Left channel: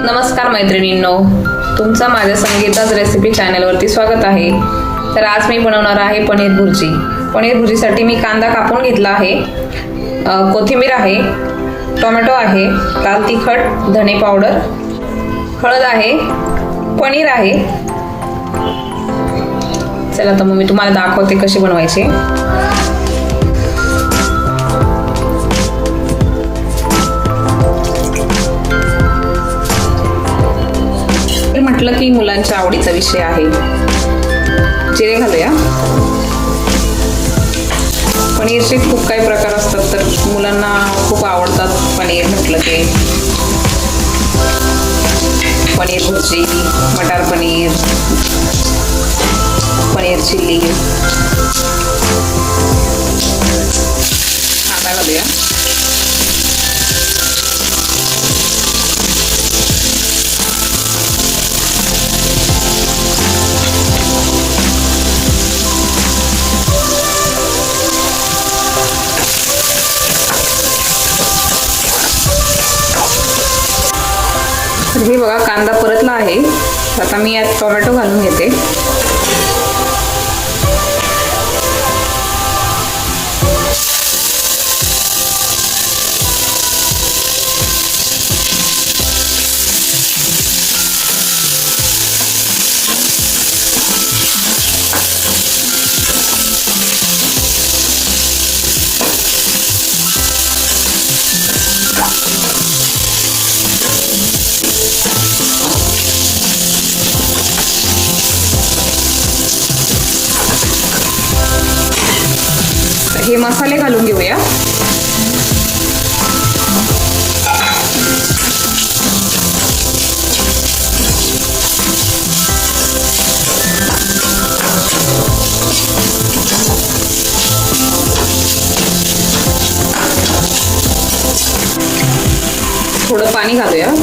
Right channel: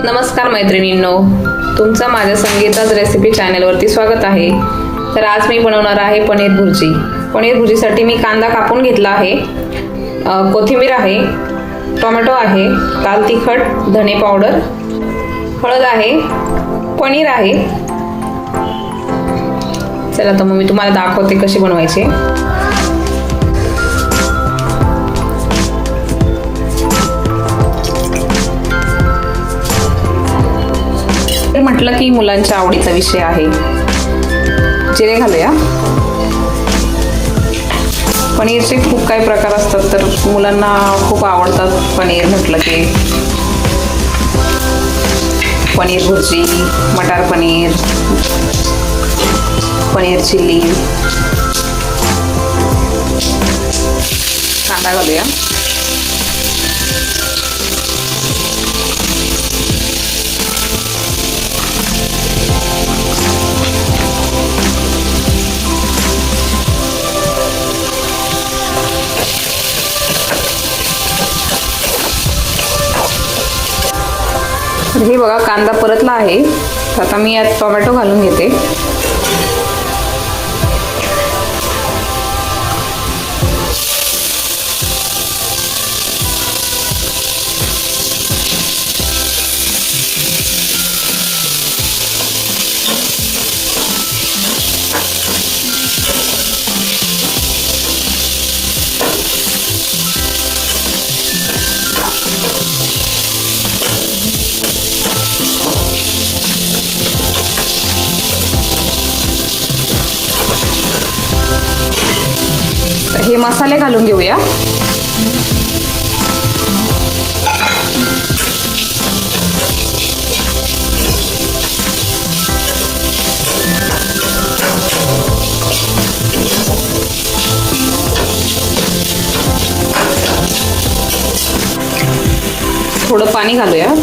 नमस्कार मैत्रिणींनो, तुमचं माझ्या संगीताज रेसिपी चॅनलवरती स्वागत आहे। तर आज मी बनवणार आहे पनीर भुर्जी। पनीर भुर्जीसाठी मी कांदा कापून घेतला आहे, कोथिंबीर आहे, टोमॅटो आहे, लाल तिखट, धणे पावडर, हळद आहे, पनीर आहे। चला तर मग मी तुम्हाला दाखवते कशी बनवायची। म्हटलं की मुलांच्या आवडीचा विषय आहे। जिरे घालूया। पनीरचे खूप काही प्रकार असतात, तर मुलांना खूप आवडतात पनीर म्हटलं की। पनीर भुर्जी, मटार पनीर, पनीर चिल्ली। कांदा घालूया। हे बघा कांदा परतला आहे, आता मी यात टोमॅटो घालून घेते। हे मसाले घालून घेऊया। थोडं पाणी घालूया।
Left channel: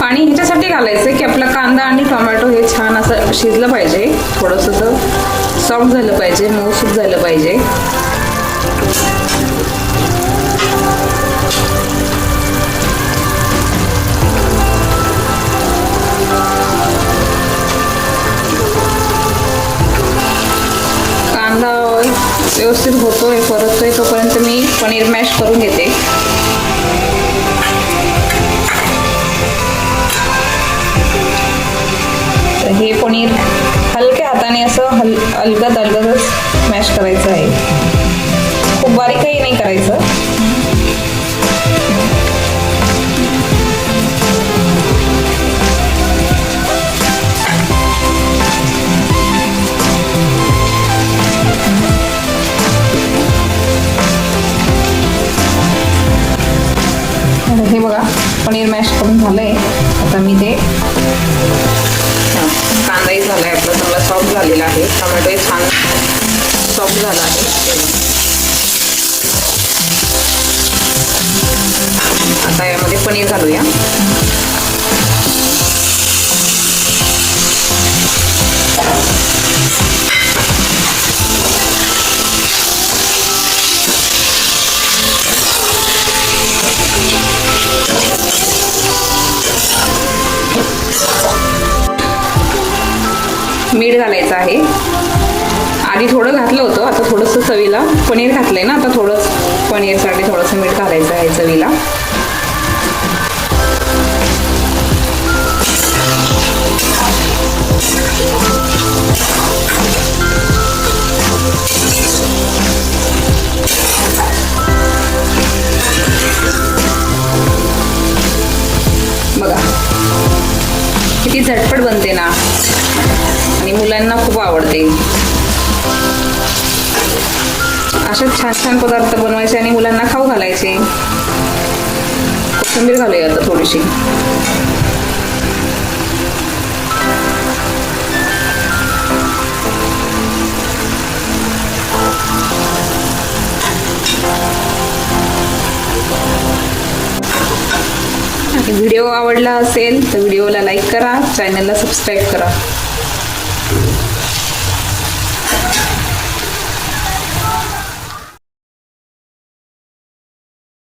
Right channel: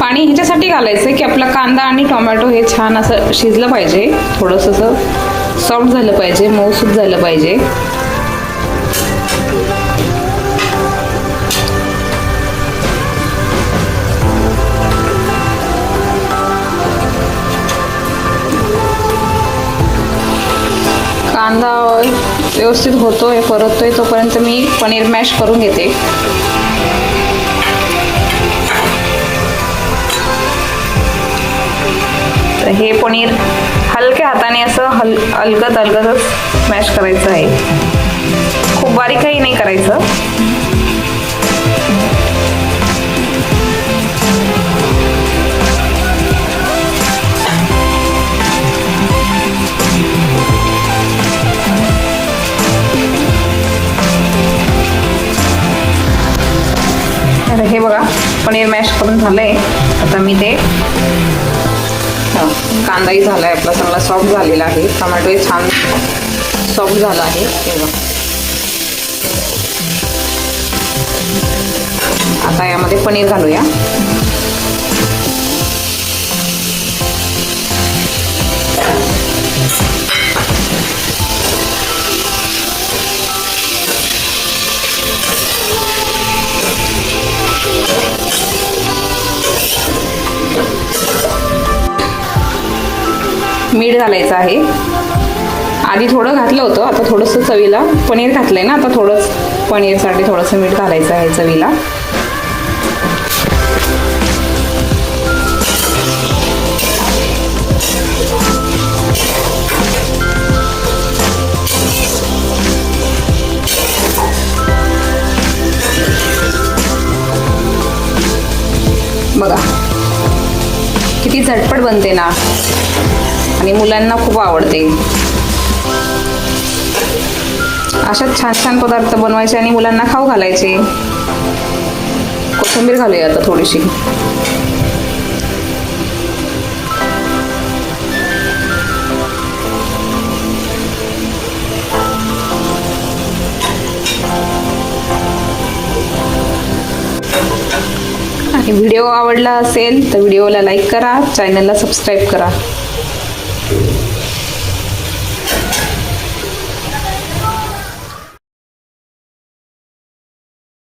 पाणी ह्याच्यासाठी घालायचं की आपला कांदा आणि टोमॅटो हे छान असं शिजलं पाहिजे, थोडंसं असं सॉफ्ट झालं पाहिजे, मऊसूत झालं पाहिजे। कांदा व्यवस्थित होतोय, परततोय, तोपर्यंत मी पनीर मॅश करून घेते। हे पनीर हलक्या हाताने असं अलगद मॅश करायचं आहे, खूप बारीकही नाही करायचं। हे बघा पनीर मॅश करून झालंय, आता मी ते कांदाही झाला आहे आपला, चांगला सॉफ्ट झालेला आहे, टोमॅटोही छान सॉफ्ट झाला आहे। आता यामध्ये पनीर घालूया। मीठ घालायचं आहे। आधी थोडं घातलं होतं, आता थोडंसं चवीला पनीर घातलंय ना, आता थोडंच पनीरसाठी थोडंसं मीठ घालायचं आहे चवीला। बघा किती झटपट बनते ना, आणि मुलांना खूप आवडते। अशाच छान छान पदार्थ बनवायचे आणि मुलांना खाऊ घालायचे। कोथिंबीर घालूया आता थोडीशी। आणि व्हिडिओ आवडला असेल तर व्हिडिओला लाईक करा, चॅनलला सबस्क्राईब करा।